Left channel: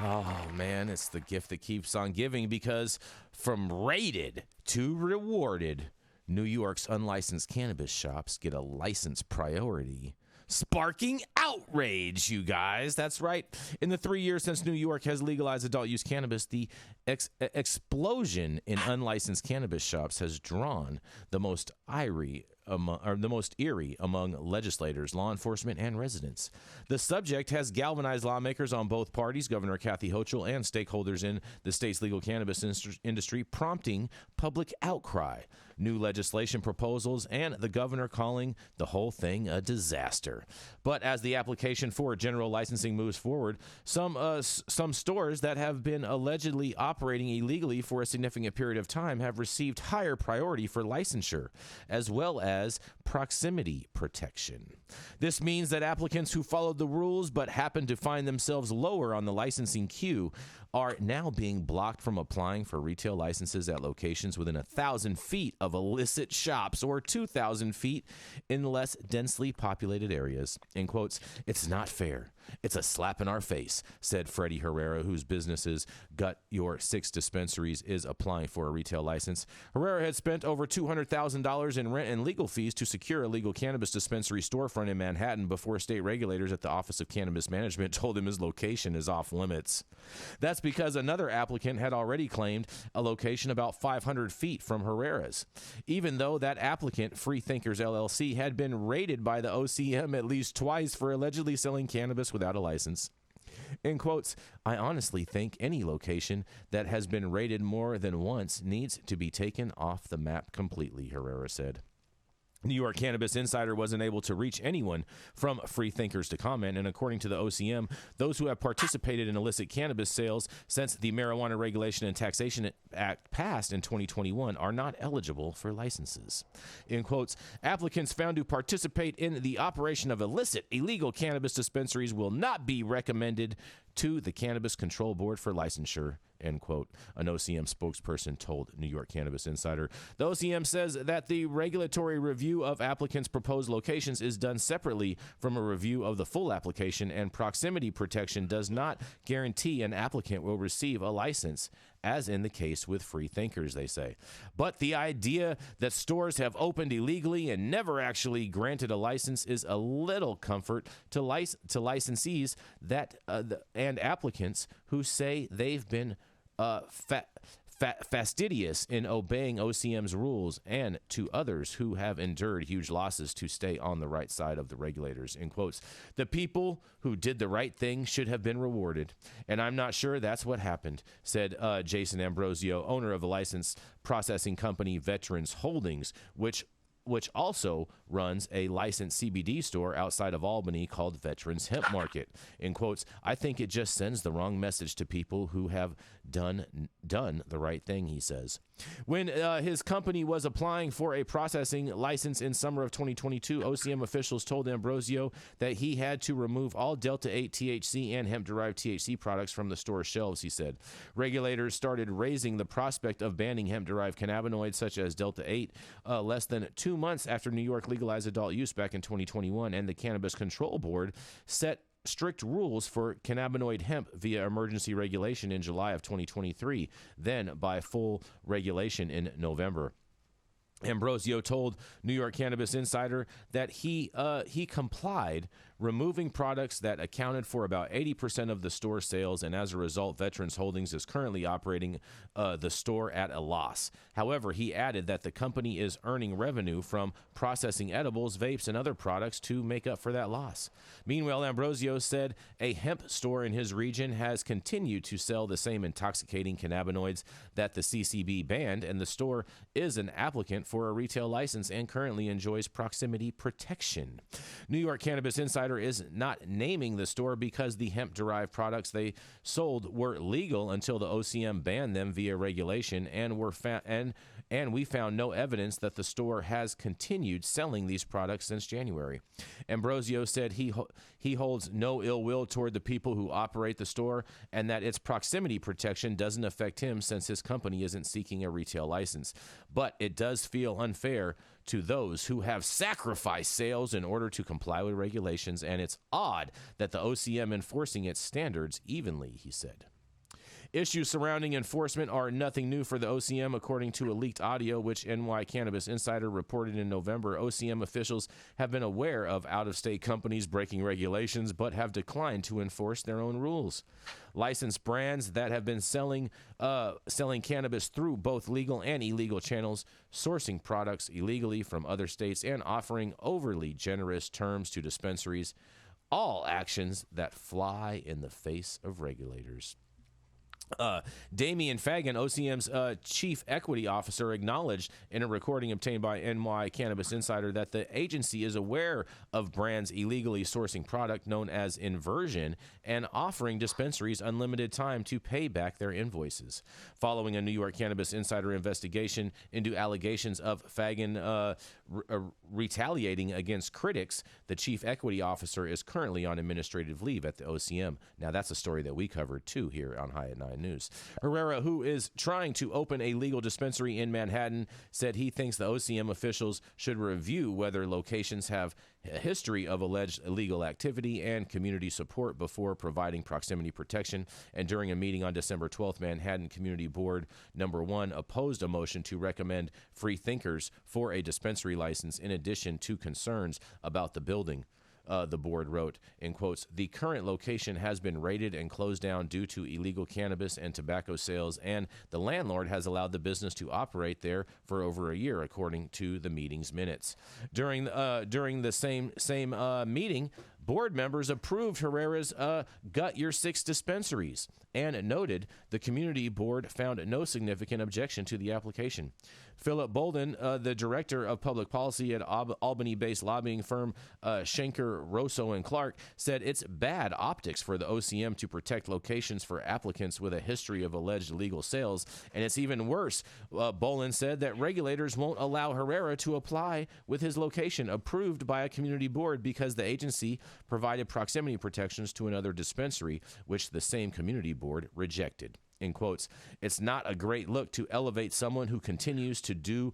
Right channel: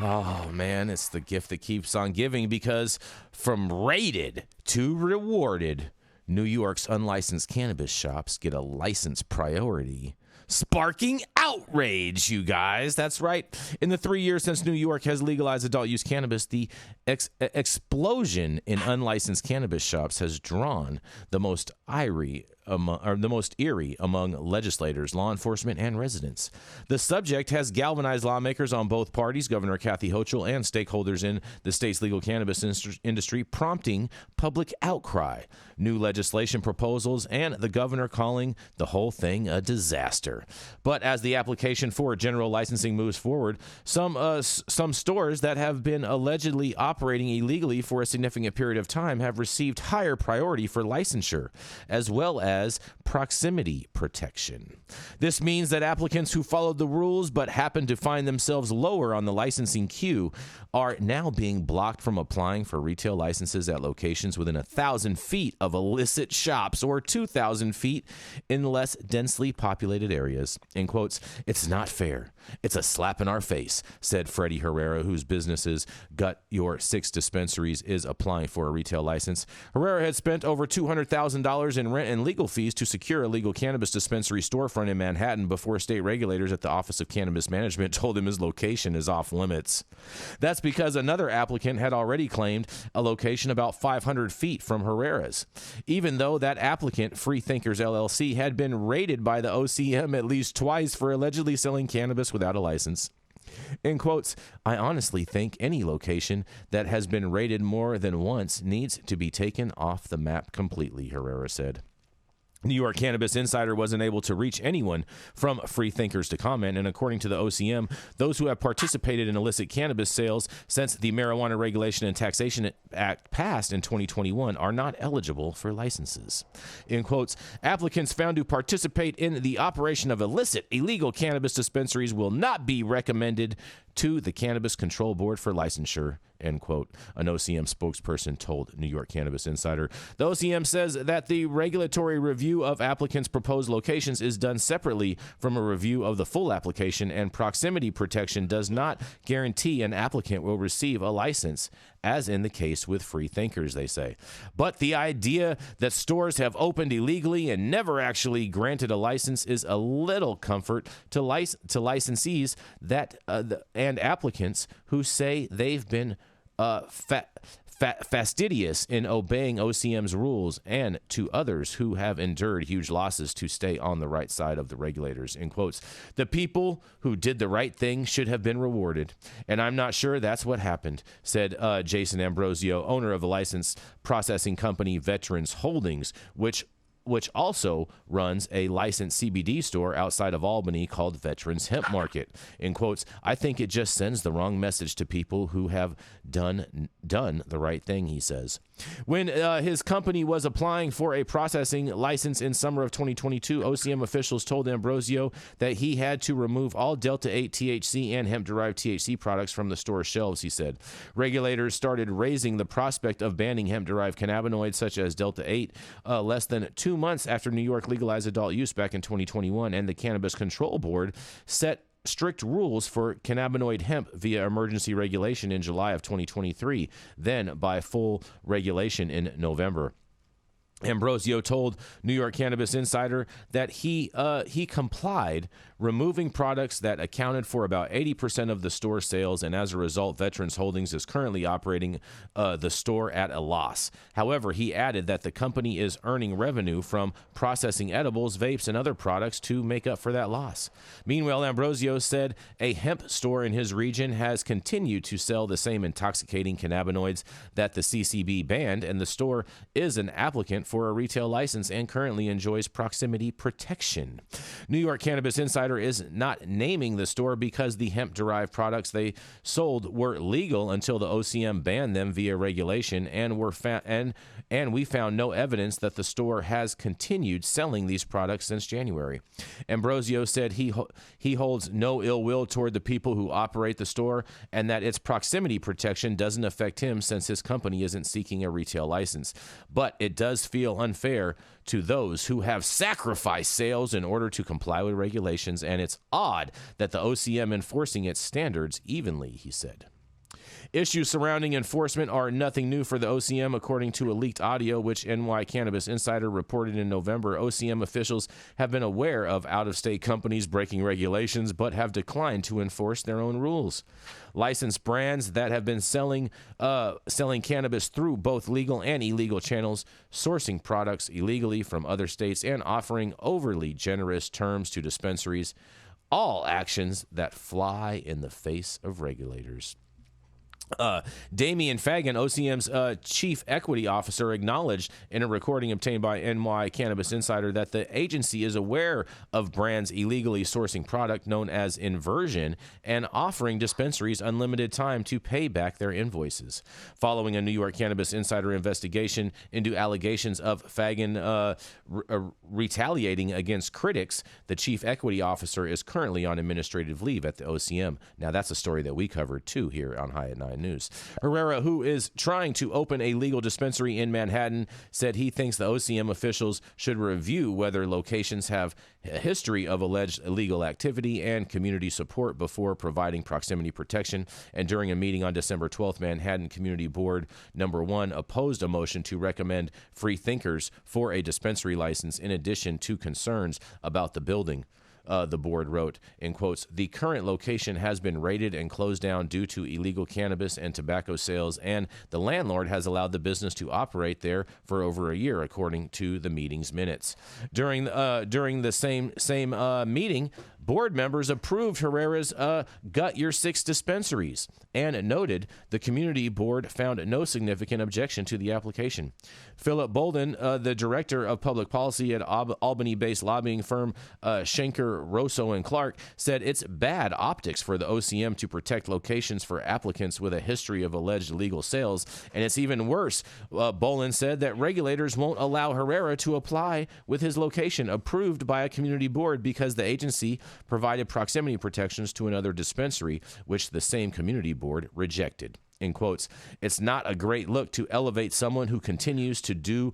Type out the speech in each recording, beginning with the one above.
Oh, man, it's the gift that keeps on giving because from rated to rewarded, New York's unlicensed cannabis shops get a license priority, sparking outrage, you guys. That's right. In the 3 years since New York has legalized adult use cannabis, the explosion in unlicensed cannabis shops has drawn the most eerie among legislators, law enforcement, and residents. The subject has galvanized lawmakers on both parties, Governor Kathy Hochul, and stakeholders in the state's legal cannabis industry, prompting public outcry, new legislation proposals, and the governor calling the whole thing a disaster. But as the application for general licensing moves forward, some stores that have been allegedly operating illegally for a significant period of time have received higher priority for licensure, as well as proximity protection. This means that applicants who followed the rules but happen to find themselves lower on the licensing queue are now being blocked from applying for retail licenses at locations within 1,000 feet of illicit shops or 2,000 feet in less densely populated areas. In quotes, "It's not fair. It's a slap in our face," said Freddie Herrera, whose businesses Gut Your 6 Dispensaries is applying for a retail license. Herrera had spent over $200,000 in rent and legal fees to secure a legal cannabis dispensary storefront in Manhattan before state regulators at the Office of Cannabis Management told him his location is off limits. That's because another applicant had already claimed a location about 500 feet from Herrera's, even though that applicant, Free Thinkers LLC, had been raided by the OCM at least twice for allegedly selling cannabis without a license. In quotes, "I honestly think any location that has been raided more than once needs to be taken off the map completely," Herrera said. New York Cannabis Insider wasn't able to reach anyone from Free Thinkers to comment, and according to the OCM, those who have participated in illicit cannabis sales since the Marijuana Regulation and Taxation Act passed in 2021 are not eligible for licenses. In quotes, "Applicants found to participate in the operation of illegal cannabis dispensaries will not be recommended to the Cannabis Control Board for licensure," end quote, an OCM spokesperson told New York Cannabis Insider. The OCM says that the regulatory review of applicants' proposed locations is done separately from a review of the full application, and proximity protection does not guarantee an applicant will receive a license, as in the case with Free Thinkers, they say. But the idea that stores have opened illegally and never actually granted a license is a little comfort to licensees that and applicants who say they've been fastidious in obeying OCM's rules, and to others who have endured huge losses to stay on the right side of the regulators. In quotes, "The people who did the right thing should have been rewarded, and I'm not sure that's what happened," said Jason Ambrosio, owner of the license processing company Veterans Holdings, which also runs a licensed CBD store outside of Albany called Veterans Hemp Market. In quotes, "I think it just sends the wrong message to people who have done the right thing," he says. When his company was applying for a processing license in summer of 2022, OCM officials told Ambrosio that he had to remove all Delta-8 THC and hemp-derived THC products from the store's shelves, he said. Regulators started raising the prospect of banning hemp-derived cannabinoids such as Delta-8 less than 2 months after New York legalized adult use back in 2021, and the Cannabis Control Board set strict rules for cannabinoid hemp via emergency regulation in July of 2023, then by full regulation in November. Ambrosio told New York Cannabis Insider that he complied, removing products that accounted for about 80% of the store sales, and as a result, Veterans Holdings is currently operating the store at a loss. However, he added that the company is earning revenue from processing edibles, vapes, and other products to make up for that loss. Meanwhile, Ambrosio said a hemp store in his region has continued to sell the same intoxicating cannabinoids that the CCB banned, and the store is an applicant for a retail license and currently enjoys proximity protection. New York Cannabis Insider is not naming the store because the hemp-derived products they sold were legal until the OCM banned them via regulation, and we found no evidence that the store has continued selling these products since January. Ambrosio said he holds no ill will toward the people who operate the store, and that its proximity protection doesn't affect him since his company isn't seeking a retail license. But it does feel unfair to those who have sacrificed sales in order to comply with regulations, and it's odd that the OCM enforcing its standards evenly, he said. Issues surrounding enforcement are nothing new for the OCM, according to a leaked audio which NY Cannabis Insider reported in November. OCM officials have been aware of out-of-state companies breaking regulations but have declined to enforce their own rules. Licensed brands that have been selling cannabis through both legal and illegal channels, sourcing products illegally from other states, and offering overly generous terms to dispensaries, all actions that fly in the face of regulators. Damian Fagan, OCM's chief equity officer, acknowledged in a recording obtained by NY Cannabis Insider that the agency is aware of brands illegally sourcing product known as inversion and offering dispensaries unlimited time to pay back their invoices. Following a New York Cannabis Insider investigation into allegations of Fagan retaliating against critics, the chief equity officer is currently on administrative leave at the OCM. Now, that's a story that we covered, too, here on High at 9 News. Herrera, who is trying to open a legal dispensary in Manhattan, said he thinks the OCM officials should review whether locations have a history of alleged illegal activity and community support before providing proximity protection. And during a meeting on December 12th, Manhattan Community Board Number 1 opposed a motion to recommend free thinkers for a dispensary license in addition to concerns about the building. The board wrote, in quotes, "The current location has been raided and closed down due to illegal cannabis and tobacco sales, and the landlord has allowed the business to operate there for over a year, according to the meeting's minutes." During the same meeting, board members approved Herrera's gut your six dispensaries and noted the community board found no significant objection to the application. Philip Bolden, the director of public policy at Albany-based lobbying firm Schenker, Rosso & Clark, said it's bad optics for the OCM to protect locations for applicants with a history of alleged illegal sales, and it's even worse. Bolden said that regulators won't allow Herrera to apply with his location approved by a community board because the agency provided proximity protections to another dispensary, which the same community board rejected. In quotes, "It's not a great look to elevate someone who continues to do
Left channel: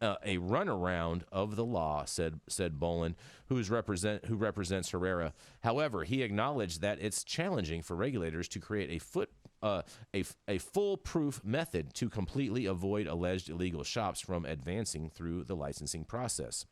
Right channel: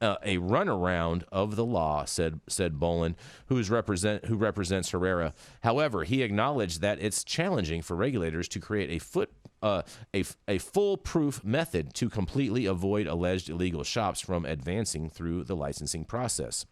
a runaround of the law," said Bolin, who represents Herrera. However, he acknowledged that it's challenging for regulators to create a foolproof method to completely avoid alleged illegal shops from advancing through the licensing process.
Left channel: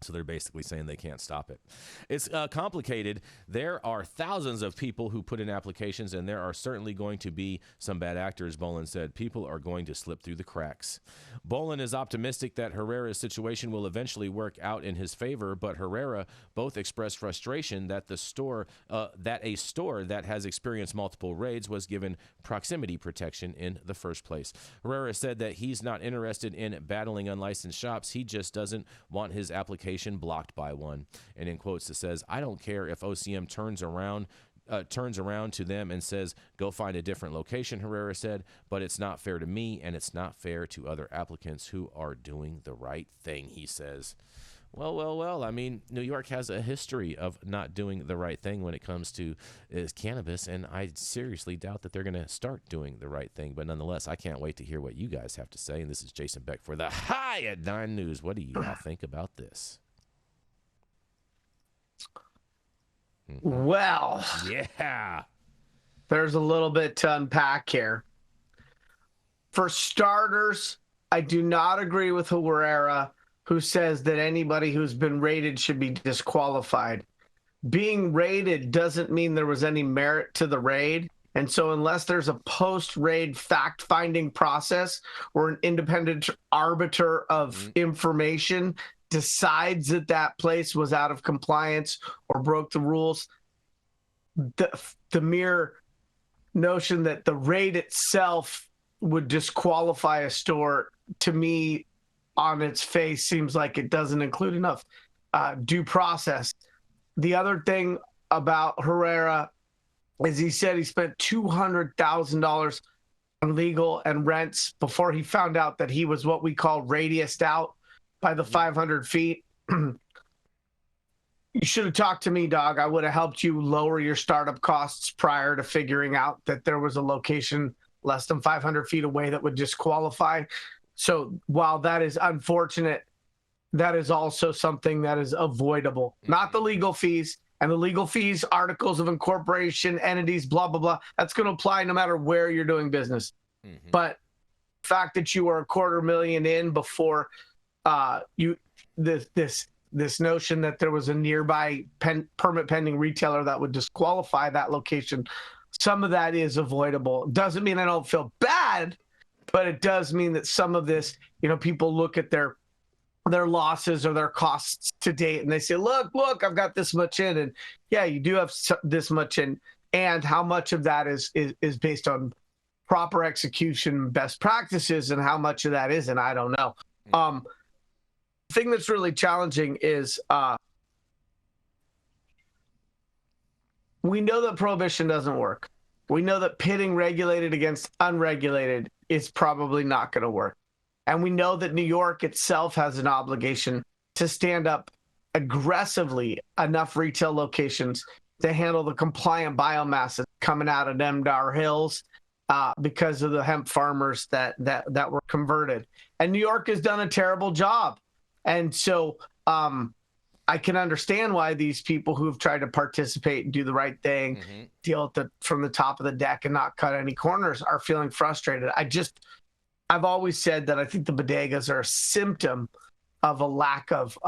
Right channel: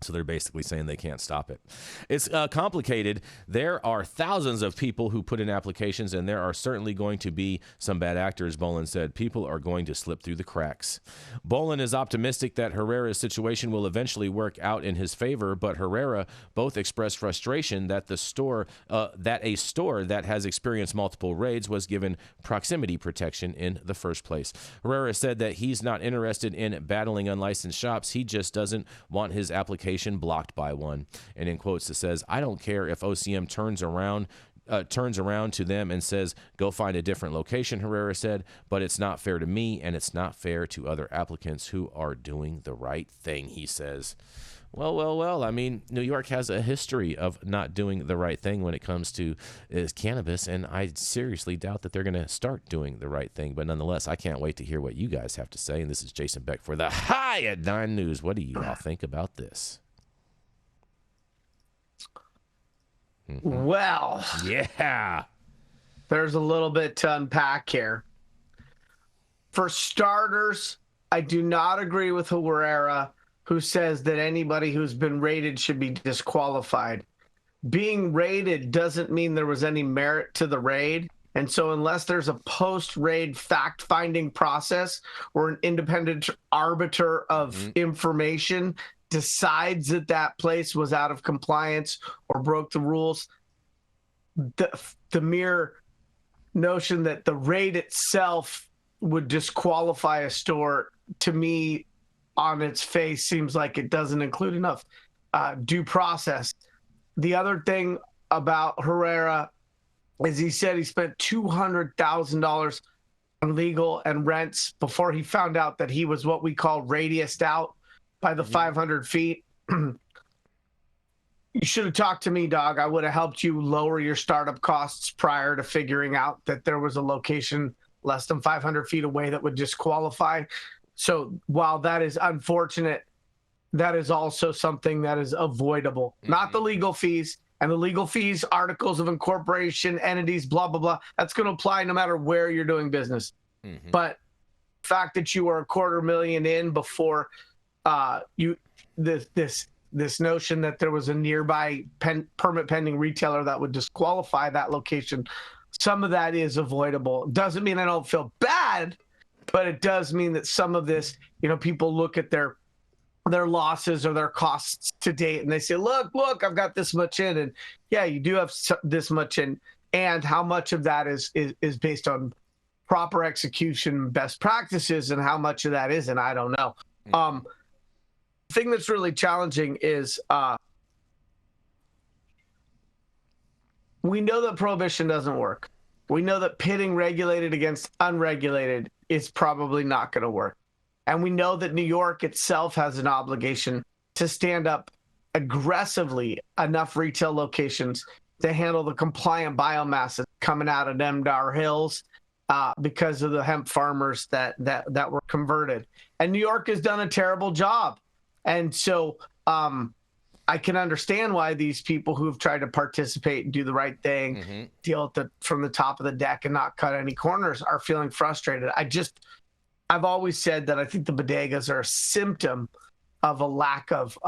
So they're basically saying they can't stop it. It's complicated. There are thousands of people who put in applications, and there are certainly going to be some bad actors, Bolin said. People are going to slip through the cracks. Bolin is optimistic that Herrera's situation will eventually work out in his favor, but Herrera both expressed frustration that a store that has experienced multiple raids was given proximity protection in the first place. Herrera said that he's not interested in battling unlicensed shops. He just doesn't want his application blocked by one. And in quotes, it says, "I don't care if OCM turns around to them and says, go find a different location," Herrera said, "but it's not fair to me, and it's not fair to other applicants who are doing the right thing," he says. Well, I mean, New York has a history of not doing the right thing when it comes to cannabis, and I seriously doubt that they're going to start doing the right thing. But nonetheless, I can't wait to hear what you guys have to say. And this is Jason Beck for the High at 9 News. What do you think about this? Well, yeah, there's a little bit to unpack here. For starters, I do not agree with Herrera, who says that anybody who's been raided should be disqualified. Being raided doesn't mean there was any merit to the raid. And so unless there's a post-raid fact-finding process where an independent arbiter of information decides that that place was out of compliance or broke the rules, the mere notion that the raid itself would disqualify a store, to me, on its face, seems like it doesn't include enough due process. The other thing about Herrera is he said he spent $200,000 on legal and rents before he found out that he was what we call radiused out by the 500 feet. You should have talked to me, dog. I would have helped you lower your startup costs prior to figuring out that there was a location less than 500 feet away that would disqualify. So while that is unfortunate, that is also something that is avoidable. Not the legal fees. And the legal fees, articles of incorporation, entities, blah, blah, blah. That's going to apply no matter where you're doing business. Mm-hmm. But the fact that you are $250,000 in before you this notion that there was a nearby permit pending retailer that would disqualify that location, some of that is avoidable. Doesn't mean I don't feel bad, but it does mean that some of this, people look at their losses or their costs to date and they say, look, I've got this much in. And yeah, you do have this much in. And how much of that is based on proper execution, best practices, and how much of that isn't, I don't know. The thing that's really challenging is we know that prohibition doesn't work. We know that pitting regulated against unregulated is probably not going to work. And we know that New York itself has an obligation to stand up aggressively enough retail locations to handle the compliant biomass that's coming out of Demdar Hills because of the hemp farmers that were converted. And New York has done a terrible job. And so I can understand why these people who have tried to participate and do the right thing, deal from the top of the deck and not cut any corners are feeling frustrated. I've always said that I think the bodegas are a symptom of a lack of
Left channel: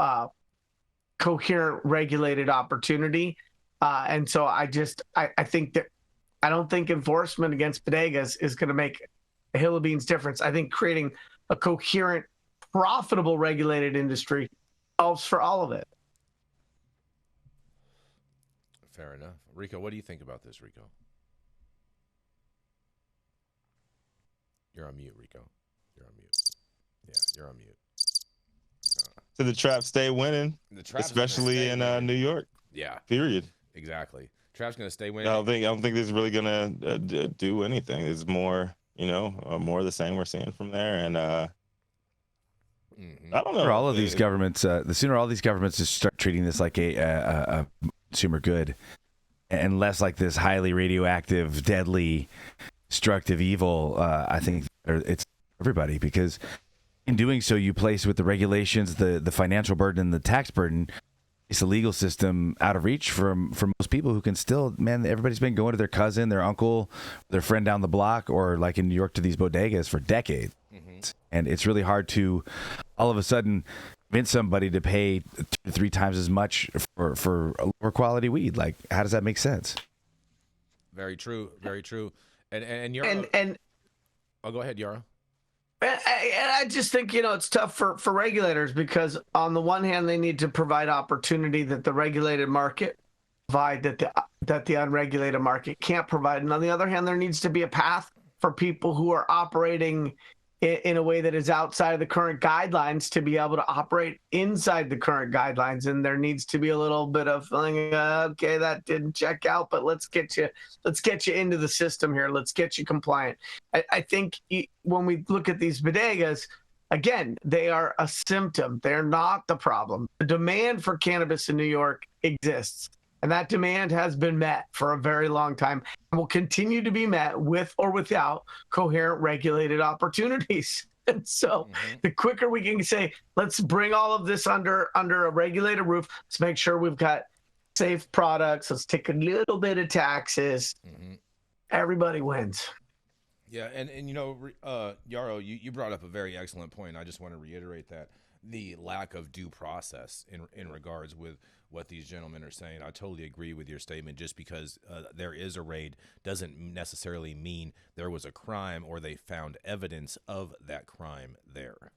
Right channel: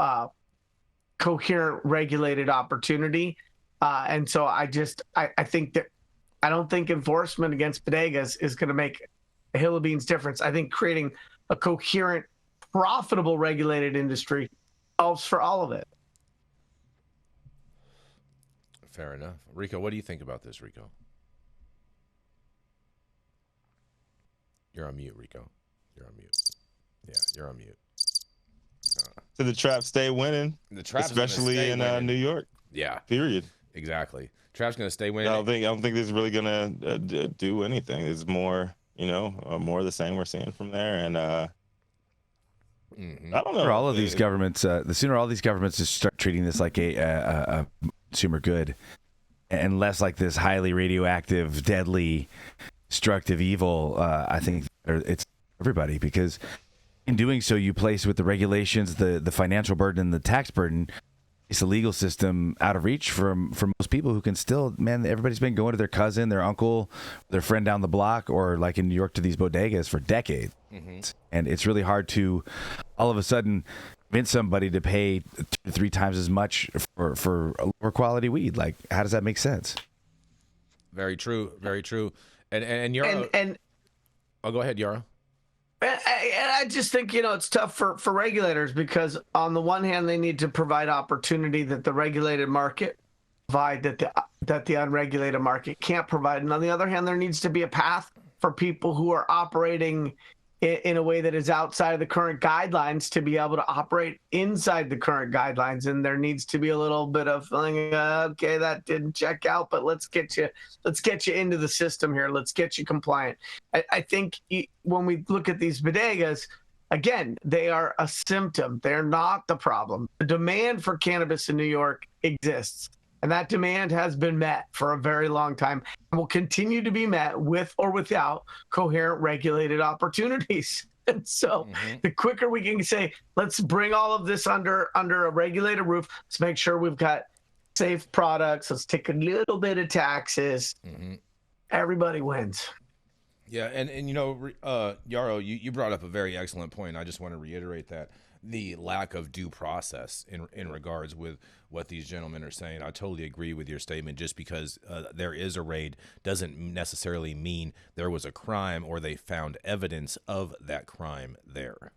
coherent regulated opportunity. And so I think that I don't think enforcement against bodegas is going to make a hill of beans difference. I think creating a coherent, profitable regulated industry solves for all of it. Fair enough. Rico, what do you think about this, Rico? You're on mute, Rico. You're on mute. Yeah, you're on mute. So the Traps stay winning, especially in New York. Yeah. Period. Exactly. Traps gonna stay winning. I don't think this is really gonna do anything. It's more, more of the same we're seeing from there, and I don't know. For all of these governments, the sooner all these governments just start treating this like a consumer good, and less like this highly radioactive, deadly, destructive evil, I think it's everybody, because in doing so, you place with the regulations, the financial burden, and the tax burden, it's the legal system out of reach for most people who can still, everybody's been going to their cousin, their uncle, their friend down the block, or like in New York to these bodegas for decades. And it's really hard to all of a sudden convince somebody to pay 2 to 3 times as much for a lower quality weed. Like, how does that make sense? Very true. Very true. And oh, go ahead, Yara. I just think, it's tough for regulators because on the one hand, they need to provide opportunity that the regulated market provide that the unregulated market can't provide. And on the other hand, there needs to be a path for people who are operating in a way that is outside of the current guidelines to be able to operate inside the current guidelines. And there needs to be a little bit of feeling, okay, that didn't check out, but let's get you into the system here. Let's get you compliant. I think when we look at these bodegas, again, they are a symptom. They're not the problem. The demand for cannabis in New York exists. And that demand has been met for a very long time and will continue to be met with or without coherent regulated opportunities. And so the quicker we can say, let's bring all of this under a regulated roof, let's make sure we've got safe products, let's take a little bit of taxes, everybody wins. Yeah, and Yarrow, you brought up a very excellent point. I just want to reiterate that the lack of due process in regards with what these gentlemen are saying. I totally agree with your statement. Just because there is a raid doesn't necessarily mean there was a crime or they found evidence of that crime there.